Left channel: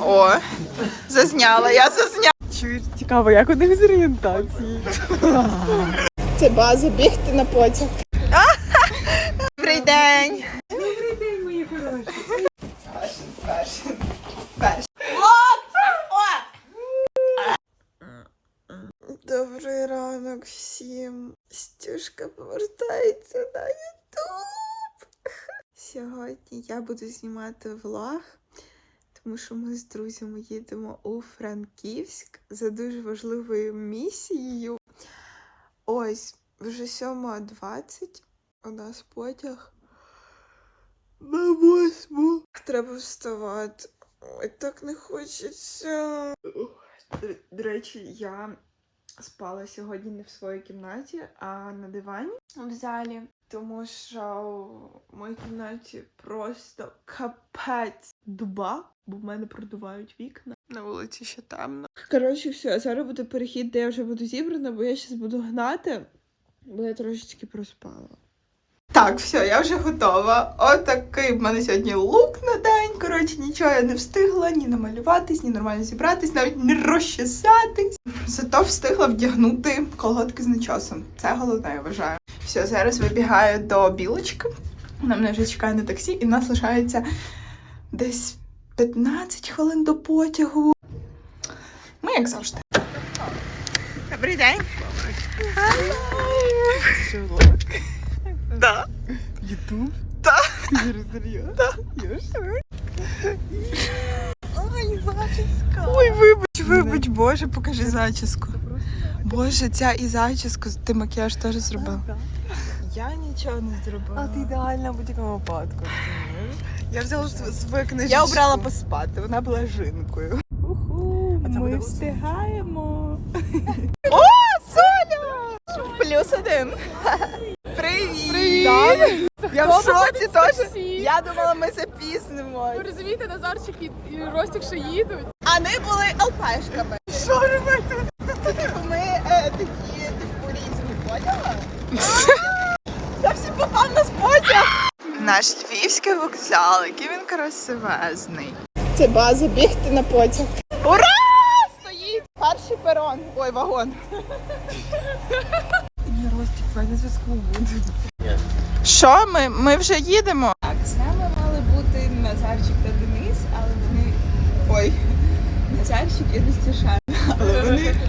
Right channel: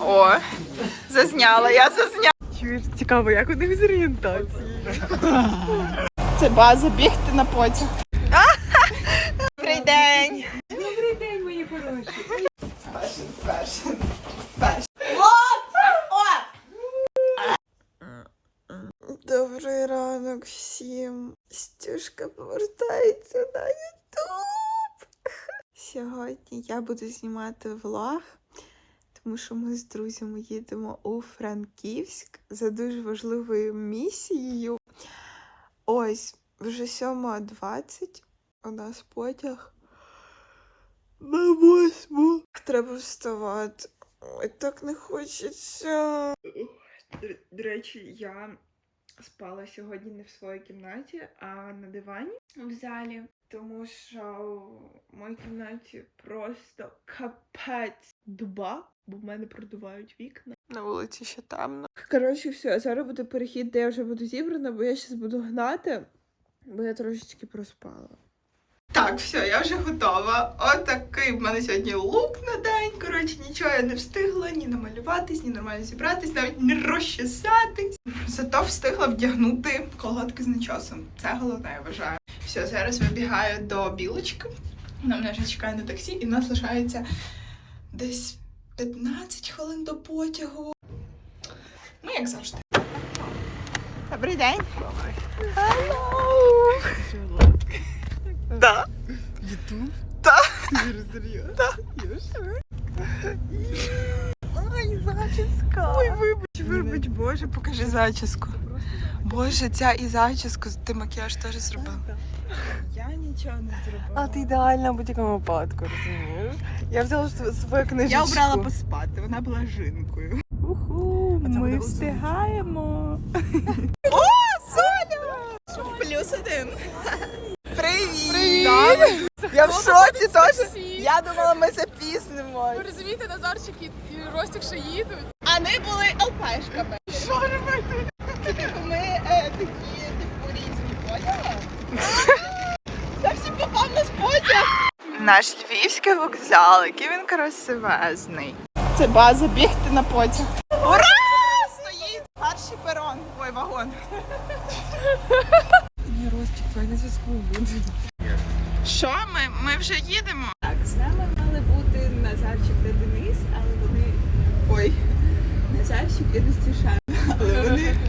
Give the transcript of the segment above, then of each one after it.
О, зазняла, я зазняла. Чуєш, цікаво, як у них з орієнтації. Це база бігти на потяг. Добрий день. Добрий день, мої хороші. Перший, перший, перший. Добрий ранок всім. Стюшка повертається на Ютуб. Сьогодні я буду знімати влог, тому що ми з друзями їдемо у Франківськ за дуже важливою місією. Ось, вже 7.20 у нас потяг на восьму. Треба вставати. Ой, так не хочеться. До, речі, я спала сьогодні не в своїй кімнаті, а на дивані в залі, тому що в моїй кімнаті просто капець дуба, бо в мене продувають вікна. На вулиці ще темно. Коротше, все, зараз буде перехід, де я вже буду зібрана, бо я зараз буду гнати, бо я трошечки проспала. Так, все, я вже готова. Отакий в мене сьогодні лук на день. Коротше, нічого я не встигла ні намалюватись, ні нормально зібратись, навіть не розчесатись. Зато встигла вдягнути колготки з начосом. Це головне, я вважаю. Все, зараз вибігаю до білочки. Вона мене вже чекає на таксі, і в нас лишається десь 15 хвилин до потягу. Ми як завжди. Добрий день. Hello. Да. Ютуб? Так. Ти зараз серйозно? Так. Що? Зачіска. Ой, вибач, вибач, боже, покажи зачіску. Боже, ця і зачіску, ти макіяж теж зробив. Я нічого не зробила. А ти ідеальна в будь-якому випадку. Я взяла свою книжку. Я обрала поспати, вона була жінкою. Уху, ми встигаємо. О, Соня! Плюс один. Я теж. Я думала, ми запізнимо. Ви розумієте, Назарчик і, і Ростик ще їдуть. А ми були ЛПшками. Що робити? Це типу ми е, такі, типу, різні, поняла? Я всім попав на потяг. Наш львівський вокзал, який він красивезний. Це база бігти на потяг. Ура! Стоїть! Перший перон. Ой, вагон. Ні, Ростик, давай на зв'язку буде. Що ми? Ми вже їдемо. Так, з нами мали бути Назарчик та Денис, але вони... Ой, Назарчик і Ростіша. Але вони...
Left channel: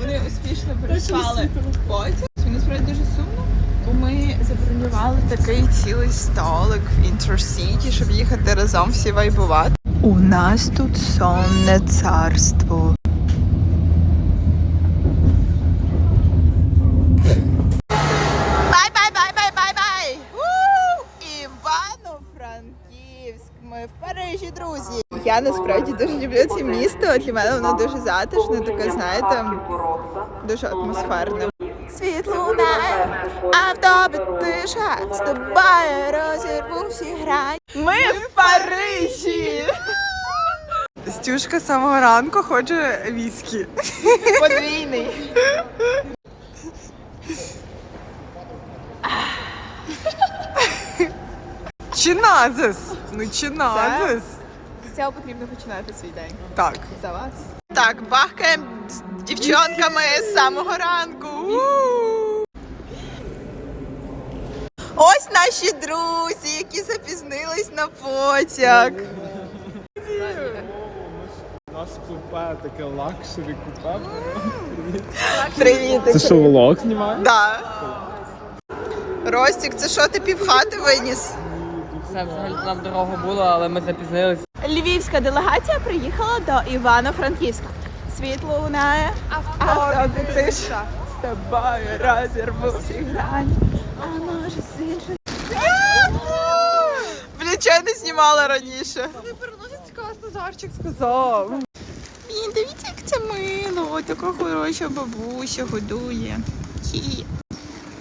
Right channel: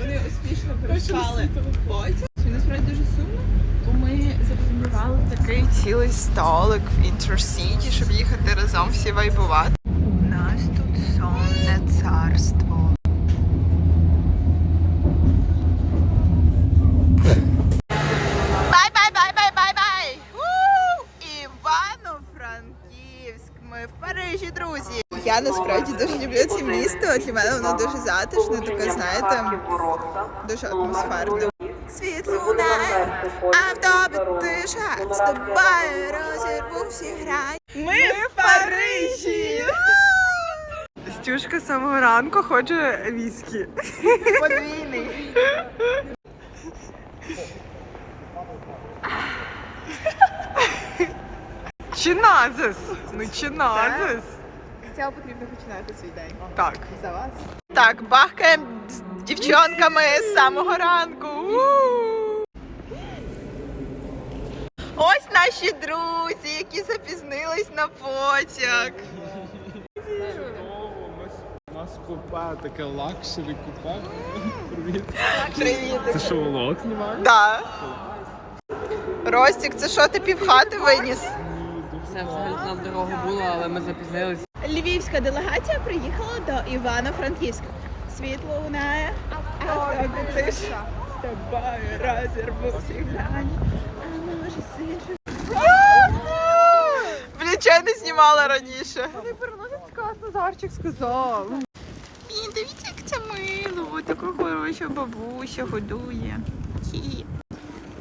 Вони успішно пройшли потяг. Це насправді дуже сумно, бо ми забронювали Такий цілий столик в інтерсіті, щоб їхати разом всі вайбувати. У нас тут сонне царство. В Парижі, друзі. Я насправді дуже люблю це місто. Для мене воно дуже затишне, таке, знаєте, дуже атмосферне. Світло лунає, а тиша, з тобою розірву всі грані. Ми в Парижі! Стюшка з самого ранку хоче віскі. подвійний. Чи назис? Ну чи назис? З цього потрібно починати свій день. Так. За вас. Так, бахкаємо з дівчонками з самого ранку. Ось наші друзі, які запізнились на потяг. У нас купе, таке лакшері купе. Привіт. Це що, влог знімає? Да. Ростік, це що ти півхати виніс? Це взагалі нам дорога була, але ми запізнилися. Львівська делегація приїхала до Івано-Франківська. Світло лунає, автобі тиша. З тобою розірву всі грані, а може з іншим. Блін, я не знімала раніше? Ви переносять каз, Назарчик Сказав. Блін, дивіться, як це мило. Така хороша бабуся годує. Ті.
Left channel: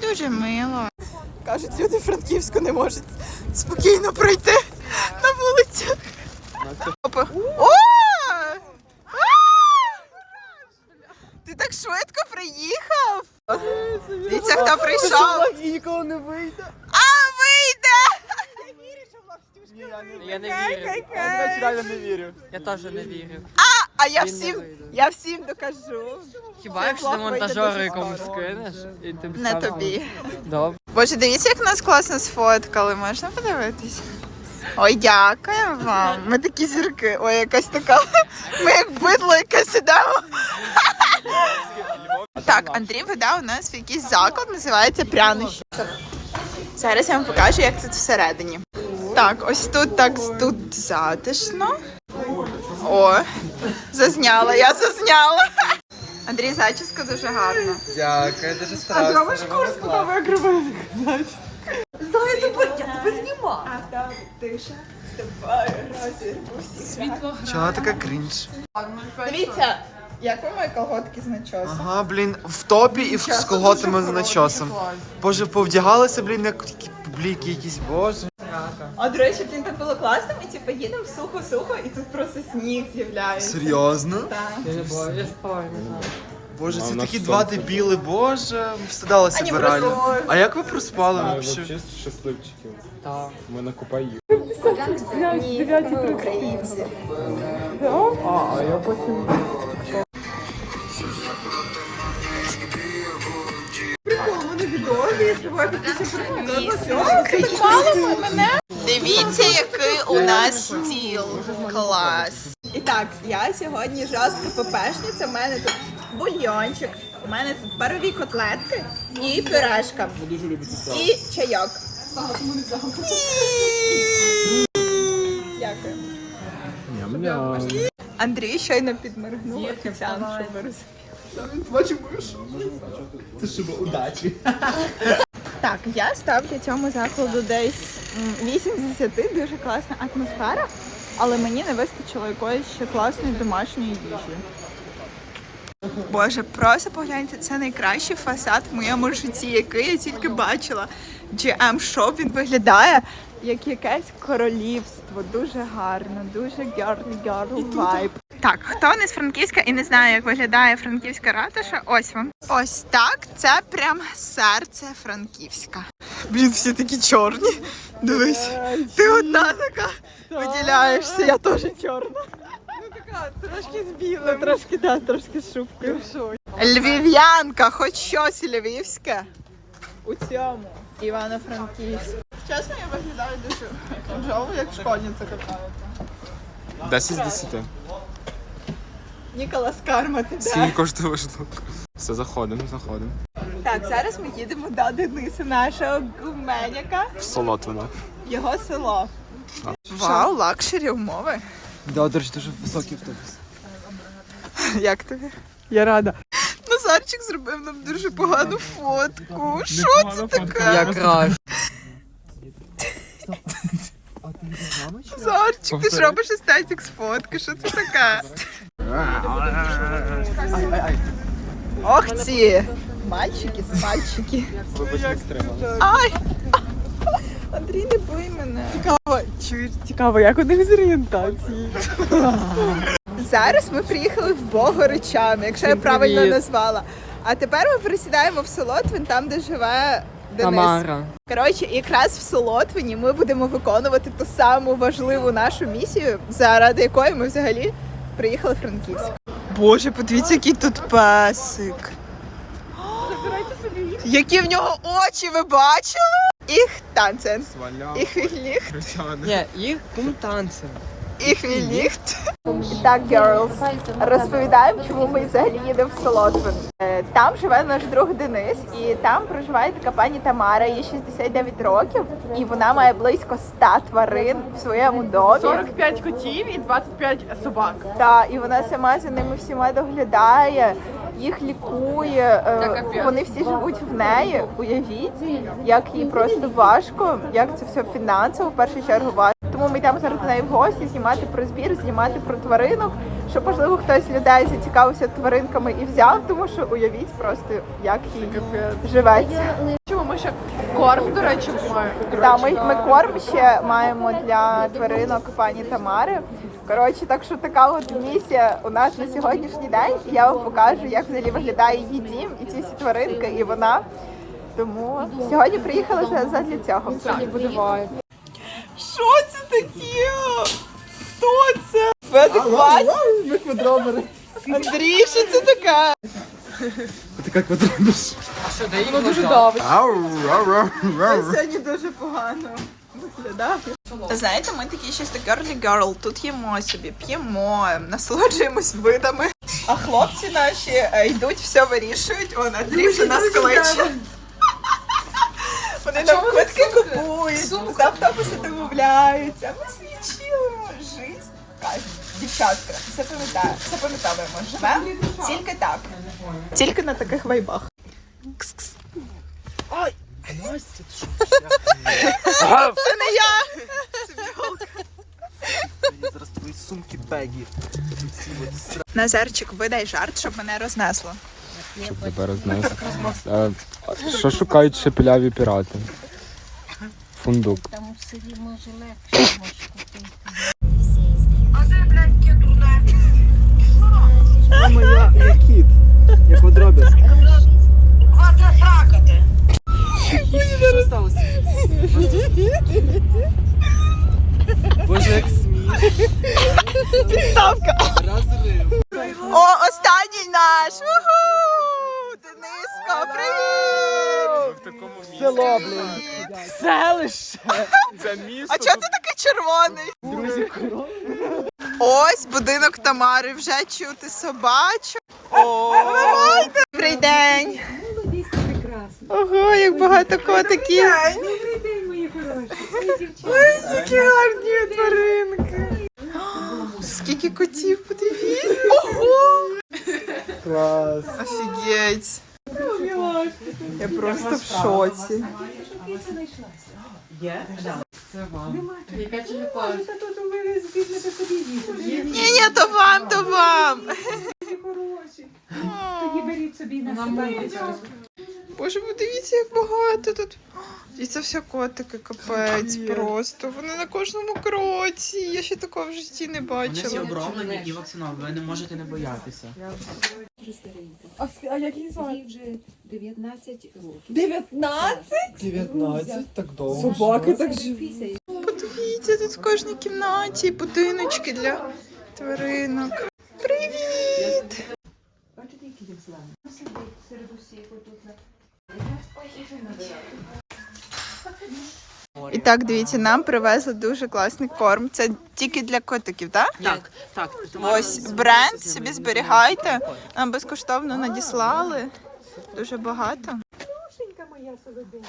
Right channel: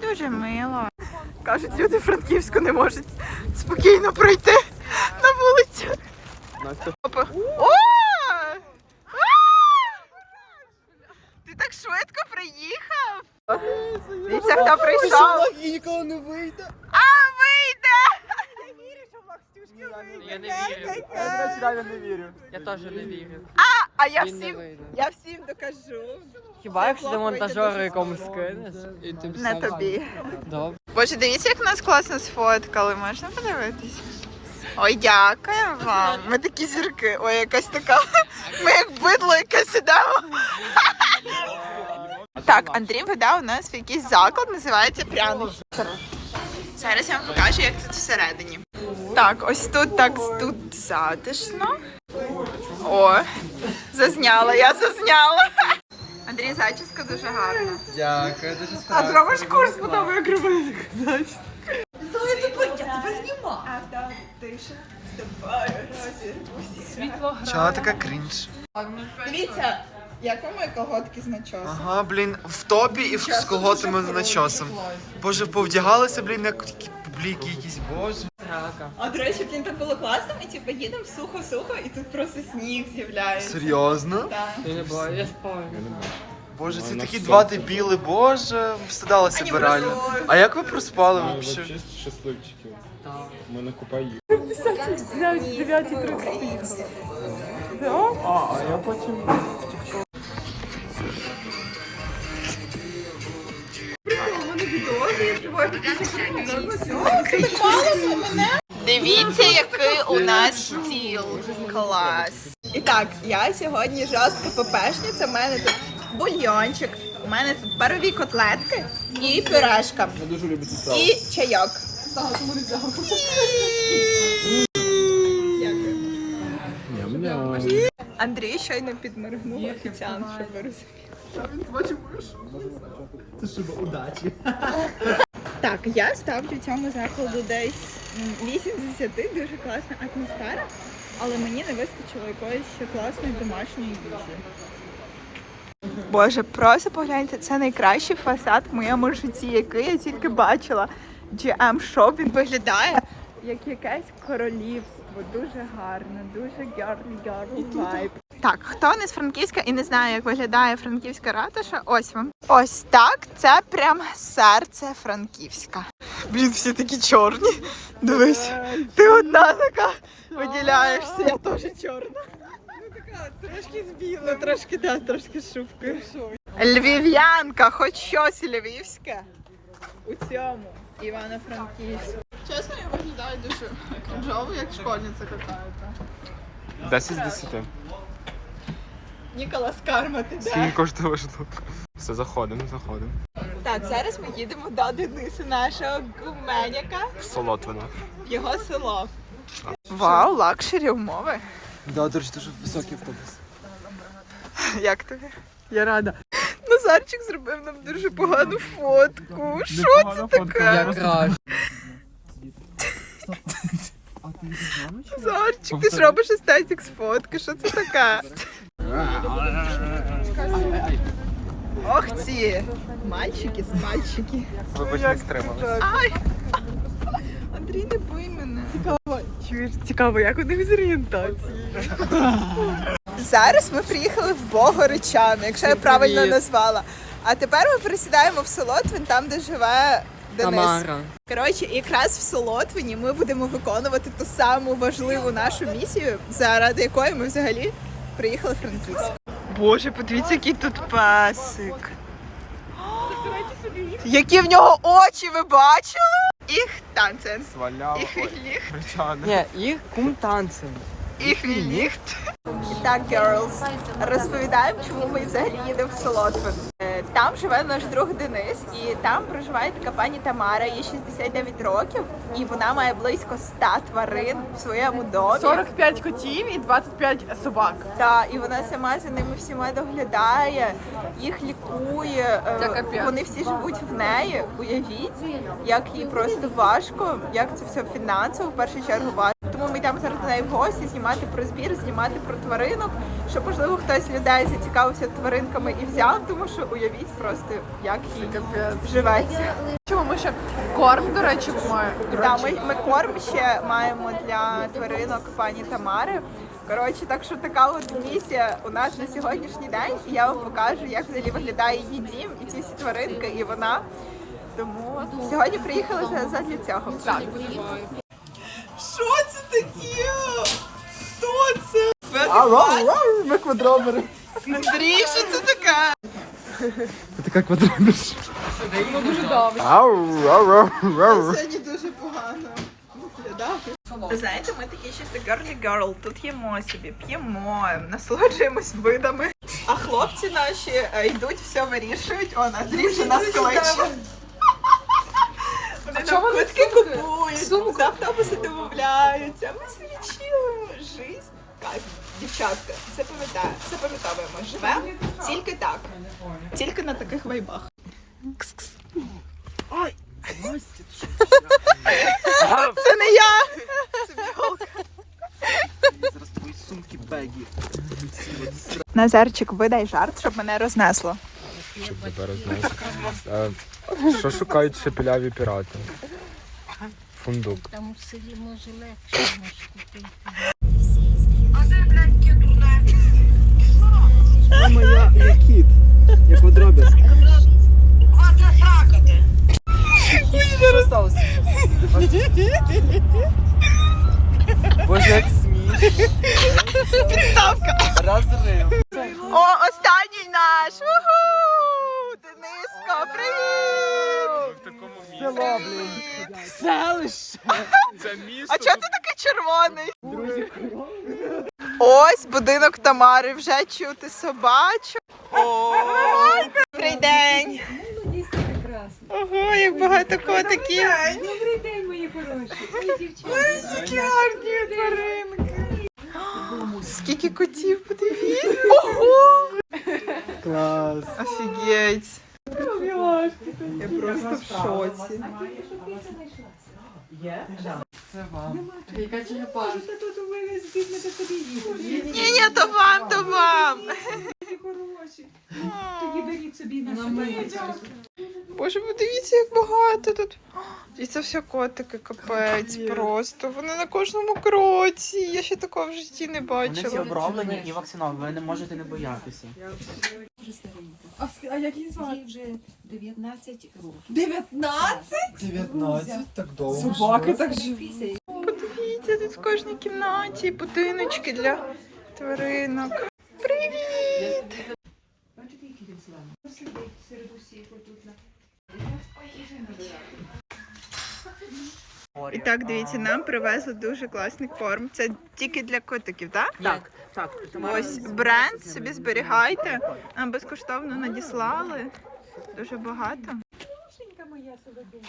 Дуже мило. Кажуть, люди Франківську не можуть спокійно пройти на вулицю. Опа. О! Ти так швидко приїхав? Дивіться, хто прийшов. І ніколи не вийде. А, вийде! Я не вірю. Я, речі, реально не вірю. Я теж не вірю. А я Він не всім, вийде. я всім докажу. Хіба якщо ти флаг вийде монтажеру дуже якомусь скоро. скинеш? І ти б Не сам- тобі. Добре. Боже, дивіться, як нас класно сфоткали. Можна подивитись? Ой, дякую вам. Ми такі зірки. Ой, якась така. Ми як бидло якесь ідемо. Так, Андрій веде у нас в якийсь заклад, називається прянощі. Зараз я вам покажу, як тут всередині. Так, ось тут так тут затишно. О, зазняла, я зазняла. Андрій, зачіска дуже гарна. Дякую, дуже старався. Чого така крінж? Дивіться, як ви мої колготки з начосом. Ага, блін, в топі і в- з колготами з начосом. Боже, повдягалися, блін, як публіки якісь. Боже. А до речі, він так було класно, ми типу їдемо сухо-сухо, і тут просто сніг з'являється. Серйозно? Так. Я не бачу, я спав. Боже, нас такі два дебіли, боже, встидалися Ані би реально. просто- А як ви проспали Ми взагалі? взагалі щасливчики. Так. Ми на Купаї. Дивіться, який у нас стіл. Клас. І так, я сьогодні жорстка ППшниця. У мене тут бульйончик, у мене тут парові котлетки і пюрешка. І чайок. Дякую. Андрій щойно підморгнув офіціант, щоб ви розуміли. Це щоб удачі. Так, я ставлю цьому закладу десь м, 8 з 10, дуже класна атмосфера, але мені не вистачило якоїсь ще класної домашньої їжі. Боже, просто погляньте, це найкращий фасад в моєму житті, який я тільки бачила. GM Shop, він виглядає як якесь королівство. Дуже гарно, дуже girl girl vibe. Так, хто не з Франківська і не знає, як виглядає франківська ратуша, ось вам. Ось так, це прям серце Франківська. Блін, всі такі чорні. Дивись, ти одна така виділяєшся, я теж чорна. Ну така трошки збіла. Ну трошки, да, трошки з шубкою. Львів'янка, хоч щось львівське. У цьому Івано-Франківську. Чесно, я виглядаю дуже кринжово, як школьниця какая-то. 10 з 10. Ніколас Карма, ти де? Скільки коштує штука? Все, заходимо, заходимо. Так, зараз ми їдемо до Дениса, нашого гуменяка, В Солотвино. його село. Вау, лакшері умови. Да, до речі, дуже високий автобус. Як тобі? Я рада. Назарчик зробив нам дуже погану фотку. Що це таке? Назарчик, ти ж робиш естетик з фотки, що це таке? Ох ці мальчики з мальчики. Вибачте. Ай! Андрій, не бий мене. Чуєш, цікаво, як у них з орієнтації? Зараз ми приїхали в Богородчани, якщо я правильно назвала. А тепер ми пересідаємо в Солотвин, там, де живе Денис. Тамара. Коротше, якраз в Солотвині ми будемо виконувати ту саму важливу нашу місію, заради якої ми взагалі приїхали в Франківськ. Боже, подивіться, який тут песик. Які в нього очі, ви бачили? Їх танцен. Сваляв. Їх вільніхт. Ні, і кум танцем. Їх вільніхт. І так, girls, розповідаємо, чому ми взагалі їдемо в Солотвин. Е, Там живе наш друг Денис, і там проживає така пані Тамара, їй 69 років, і вона має близько 100 тварин в своєму домі. 45 котів і 25 собак. Та, і вона сама за ними всіма доглядає, їх лікує. е. Вони всі живуть в неї. Уявіть, як їй просто важко, як це все фінансово в першу чергу важко. Тому ми йдемо зараз до неї в гості знімати про збір, знімати про тваринок. Щоб можливо хтось з людей зацікавився тваринками і взяв, тому що уявіть просто, як їй живеться. Чому ми ще корм, до речі, маємо? До ми, ми корм ще маємо для тваринок пані Тамари. Коротше, так що така от місія у нас на сьогоднішній день. І я вам покажу, як взагалі виглядає її дім і ці всі тваринки, і вона. Тому сьогодні приїхали за, задля цього. Так. Що це таке? Хто це? Ми квадробери. Андрій, що це таке? Така квадробер. Сьогодні дуже погано виглядає. Знаєте, ми такі щось girly girl, тут їмо собі, п'ємо, насолоджуємось видами. А хлопці наші е, йдуть, все вирішують. Он Андрій вже нас кличе. Вони нам квитки купують, з автобуси домовляються. Ми собі чилимо. Жизнь. Кайф. Дівчатка, запам'ятаємо, запам'ятовуємо. Живемо тільки так. Тільки на таких вайбах. Кс-кс. Це не я! Це бджолка. Зараз твої сумки бегі. Назарчик, видай жарт, щоб мене рознесло. Тебе розносить. Е, Що шукають шепіляві пірати? Фундук. Мама, я, я кіт. Я квадробер. Що сталося? Боже, як сміх. Підставка. Розрив. О, останній наш! Уху! Дениско, привіт! В такому Село, блін. селище. Це місто. А чого ти такий червоний? Ось будинок Тамари, вже чути собачу. Добрий день. Ого, як багато котиків. Добрий день, мої хороші. Ой. Які гарні тваринки. Скільки котів, подивіть. Ого! Клас. Офігеть. Я просто в шоці. Та тут у мене візьмете собі їсти. Ні, ні, то вам, то вам. Хороші. Тоді беріть собі на себе. Боже, подивіться, як багато тут. І це все котики, капець, просто. Вони на кожному кроці. Я ще такого в житті не Вони всі бачила. оброблені і вакциновані, ви не можете не боятися. А, а які звати? Їй вже 19 років. 19? 19, так довго. Собаки так живі. Подивіться, тут в кожній кімнаті будиночки для тваринок. І так, дивіться, нам привезли дуже класний корм. Це тільки для котиків, так? Так, так. Ось бренд собі зберігайте. Нам безкоштовно надіслали. Дуже багато. моя солоденька.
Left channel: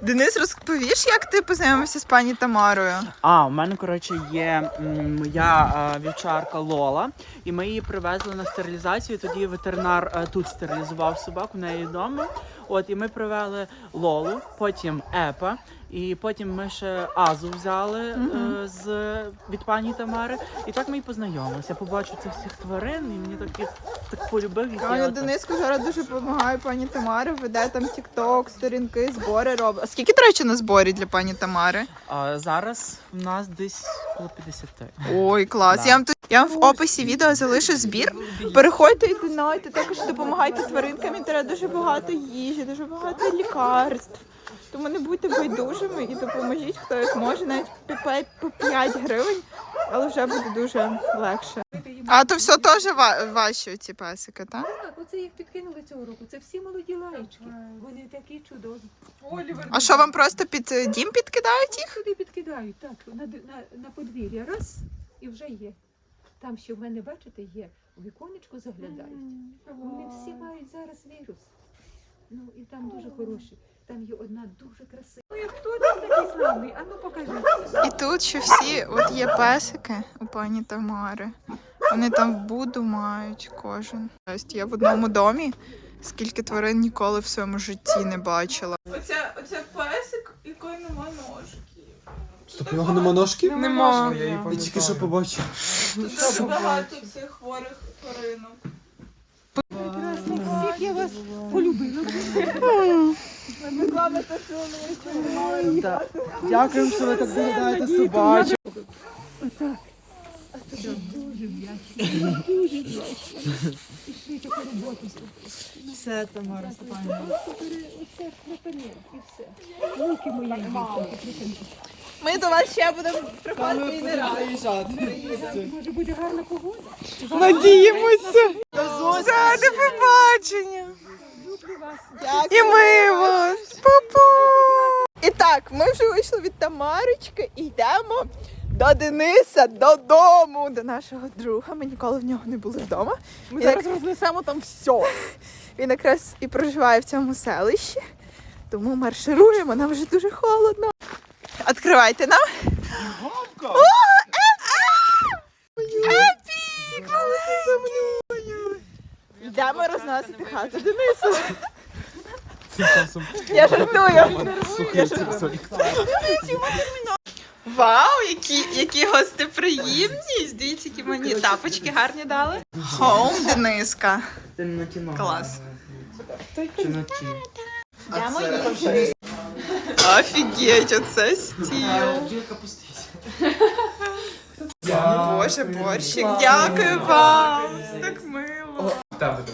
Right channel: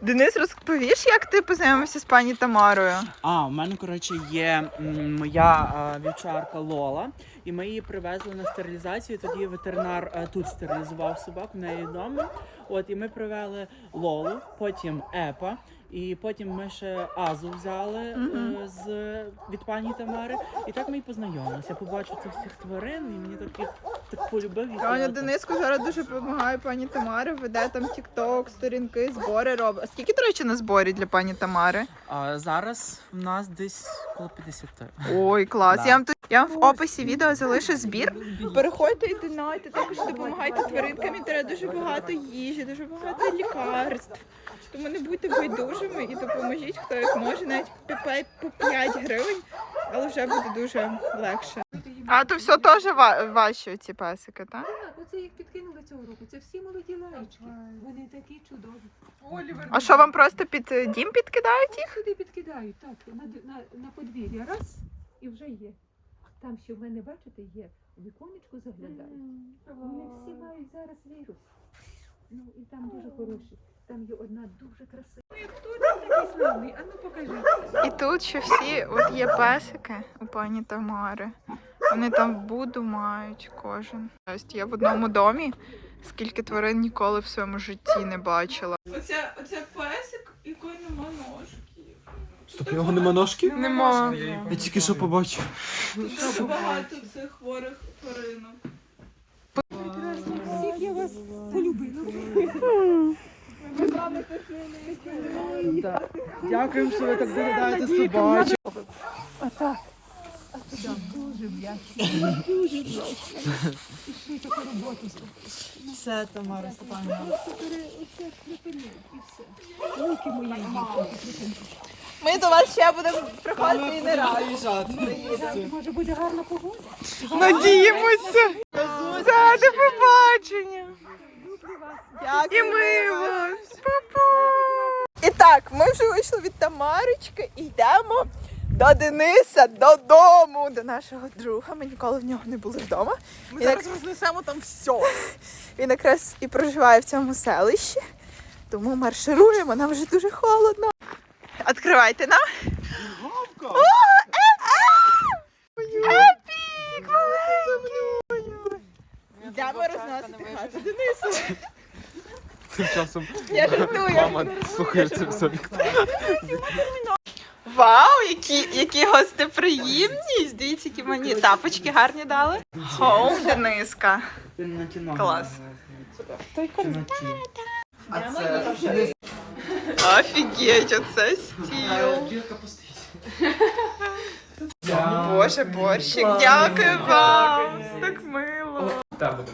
Денис, розповіш, як ти познайомився з пані Тамарою? А, у мене, коротше, є м, моя е, вівчарка Лола, і ми її привезли на стерилізацію. Тоді ветеринар е, тут стерилізував собаку, в неї вдома. От, і ми привели Лолу, потім Епа. І потім ми ще Азу взяли е, з від пані Тамари. І так ми і познайомилися. Побачив цих всіх тварин, і мені таких так полюбив їх. Аня я так- Дениску зараз дуже допомагає пані Тамарі, веде там тік-ток, сторінки, збори робить. А скільки, до речі, на зборі для пані Тамари? А зараз в нас десь коло 50. Ой, клас. Да. Я вам тут я вам в описі відео залишу збір. Переходьте і донайте, також допомагайте тваринкам. Треба дуже багато їжі, дуже багато лікарств. Тому не будьте байдужими і допоможіть, хто як може, навіть по п'ять- 5 гривень, але вже буде дуже легше. А то все теж ва- ваші ці песики, так? Так, оце їх підкинули цього року. Це всі молоді лаєчки. Вони такі чудові. А що вам просто під е, дім підкидають їх? Сюди підкидають, так, на, на, на подвір'я. Раз і вже є. Там, що в мене, бачите, є. У віконечко заглядають. Вони всі мають зараз вірус. Ну і там дуже хороші. Там є одна дуже красива. Хто там такий самий? А ну покажіть. І тут ще всі, от є песики у пані Тамари. Вони там в буду мають кожен. Тобто я в одному домі, скільки тварин ніколи в своєму житті не бачила. Оце, оце песик, якої нема ножки. Так у нього нема ножки? Нема. Я тільки що побачив. Тут багато цих хворих тваринок. Всіх я вас полюбила. Дякую, що ви так доглядаєте собачок. Дуже вдячна. Дуже вдячна. І ще й таку роботу зробила. Все, Тамара Степанівна. Оце припини і все. Руки мої дівчинки припини. Ми до вас ще будемо приходити і не раз. Може бути гарна погода. Надіємося. Все, до побачення. І ми вас. Папа. І так, ми вже вийшли від Тамарочки і йдемо до Дениса додому, до нашого друга. Ми ніколи в нього не були вдома. Ми зараз рознесемо там все. Він якраз і проживає в цьому селищі, тому маршируємо, нам вже дуже холодно. Відкривайте нам. О, Епік! Епік! Маленький! Йдемо розносити хату Денису. Я жартую. Вау, які, які гостеприємність! Дивіться, які мені тапочки гарні дали. Хоум Дениска. Ти на кіно. Клас. Ті? Офігеть, оце стіл. Боже, борщик, дякую вам. Так мило.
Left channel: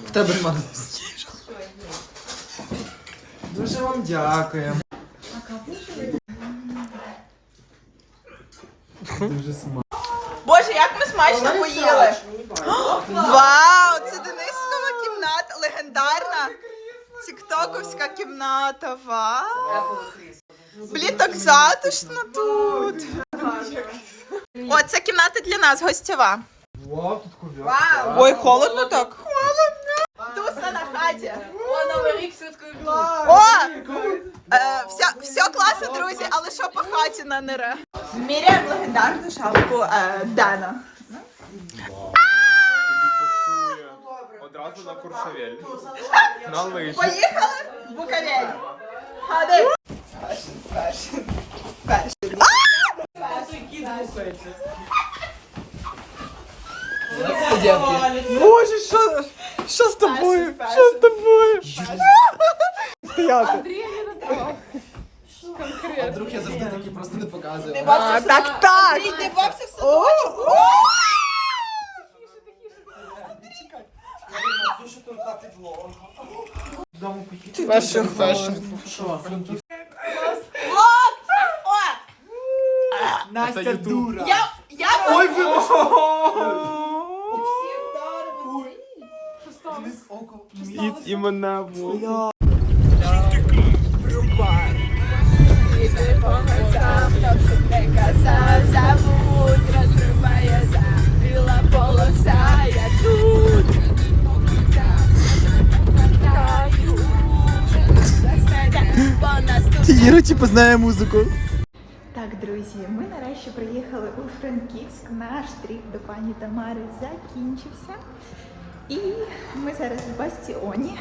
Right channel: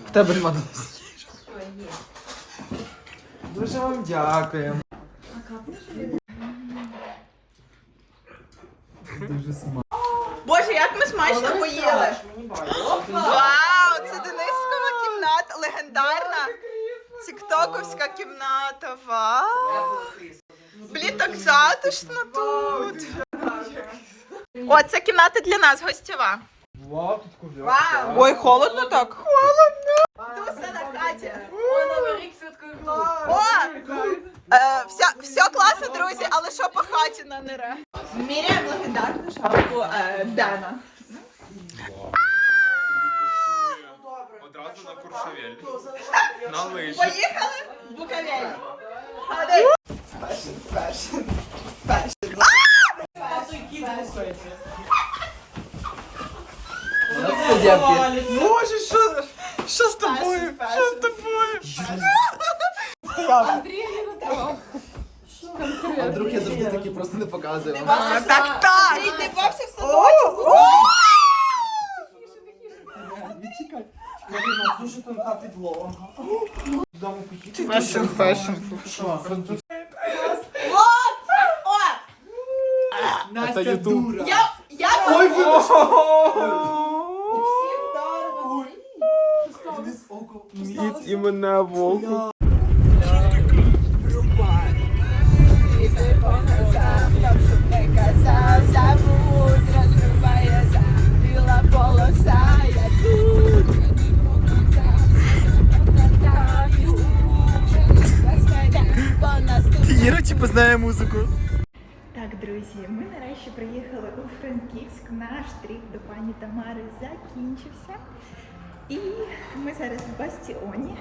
В тебе нема. Дуже вам дякую. Дуже смачно. Боже, як ми смачно поїли. Вау, це Денискова кімната, легендарна. Тіктоковська кімната. Вау. Блін, так затишно тут. О, це кімната для нас, гостєва. Вау, тут. Ой, холодно так? Холодно. Туса на хаті. О, е, все, все класно, друзі, але що по хаті на нере? Міряємо легендарну шапку е, Дена. Одразу на Куршавель. На лижі. Поїхали в Буковель. Ходи. Фешн, фешн, фешн. Боже, що, що з тобою? Що з тобою? А вдруг я завжди такі просто не показую. А, так, так. Ти бався в садочку? Фешн, фешн. Настя дура. Я, я Ой, І, і мене вовк. Юра, типу, знає музику. Так, друзі, ми нарешті приїхали у Франківськ. Наш тріп до пані Тамари закінчився. І ми зараз в Бастіоні.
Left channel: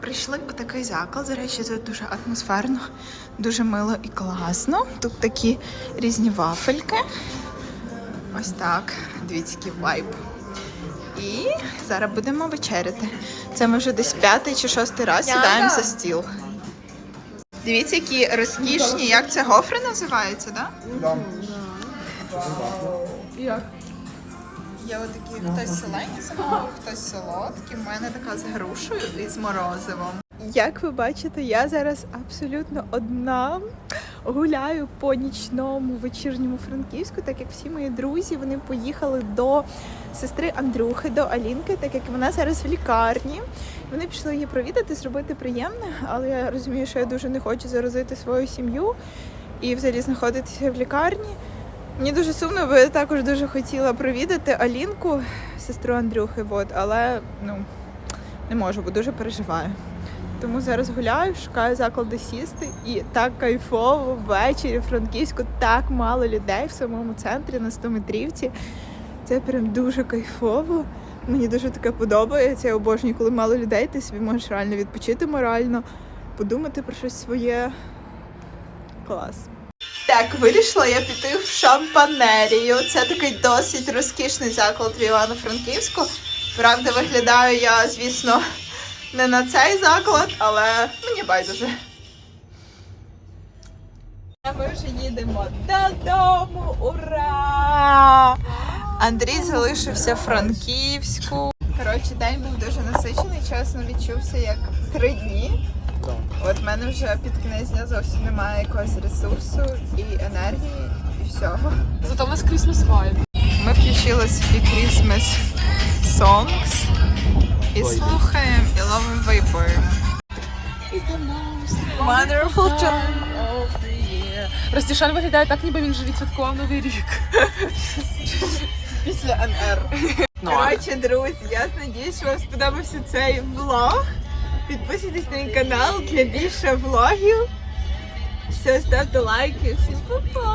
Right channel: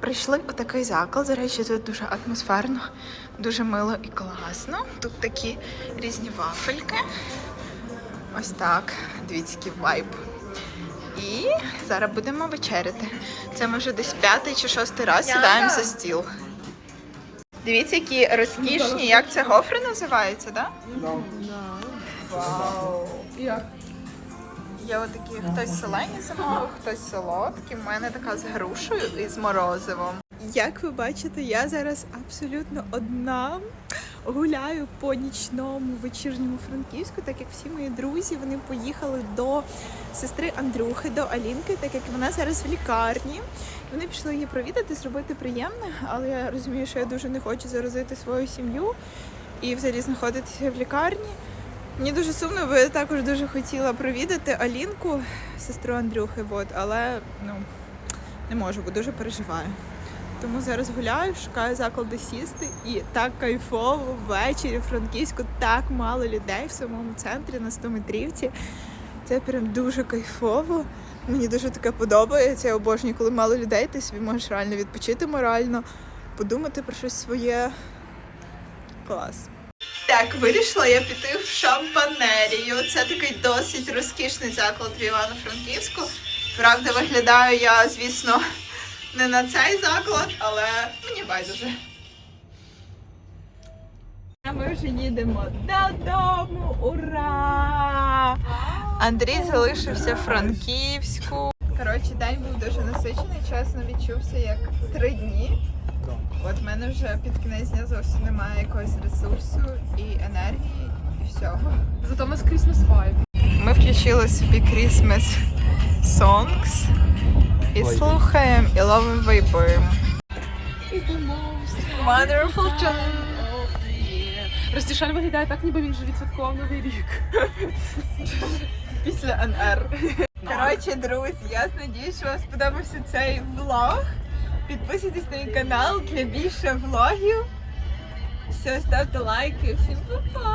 Прийшли у такий заклад. До речі, тут дуже атмосферно, дуже мило і класно. Тут такі різні вафельки. Ось так. Дивіться, вайб. І зараз будемо вечеряти. Це ми вже десь п'ятий чи шостий раз сідаємо за стіл. Дивіться, які розкішні, як це гофри називаються, так? Да? Як? Є отакі хтось солені замовив, хтось солодкі. У мене така з грушею і з морозивом. Як ви бачите, я зараз абсолютно одна гуляю по нічному вечірньому Франківську, так як всі мої друзі вони поїхали до сестри Андрюхи, до Алінки, так як вона зараз в лікарні. Вони пішли її провідати, зробити приємне, але я розумію, що я дуже не хочу заразити свою сім'ю і взагалі знаходитися в лікарні. Мені дуже сумно, бо я також дуже хотіла провідати Алінку, сестру Андрюхи, от, але ну, не можу, бо дуже переживаю. Тому зараз гуляю, шукаю заклади сісти і так кайфово ввечері в Франківську так мало людей в самому центрі на 100 метрівці. Це прям дуже кайфово. Мені дуже таке подобається. Я обожнюю, коли мало людей, ти собі можеш реально відпочити морально, подумати про щось своє. Клас. Так, вирішила я піти в шампанерію. Це такий досить розкішний заклад в Івано-Франківську. Правда, виглядаю я, звісно, не на цей заклад, але мені байдуже. Ми вже їдемо додому. Ура! Андрій залишився в Франківську. Коротше, день був дуже насичений, чесно відчувся як три дні. От в мене вже під кінець дня зовсім немає якогось ресурсу і енергії. і всього. Зато у нас Christmas vibe. Ми включили собі Christmas songs і слухаємо, і ловимо вайбуємо. Wonderful time. Ростішан виглядає так, ніби він же відсвяткував новий рік. Після НР. Коротше, друзі, я сподіваюся, що вам сподобався цей влог. Підписуйтесь на мій канал для більше влогів. Все, ставте лайки. Всім па-па!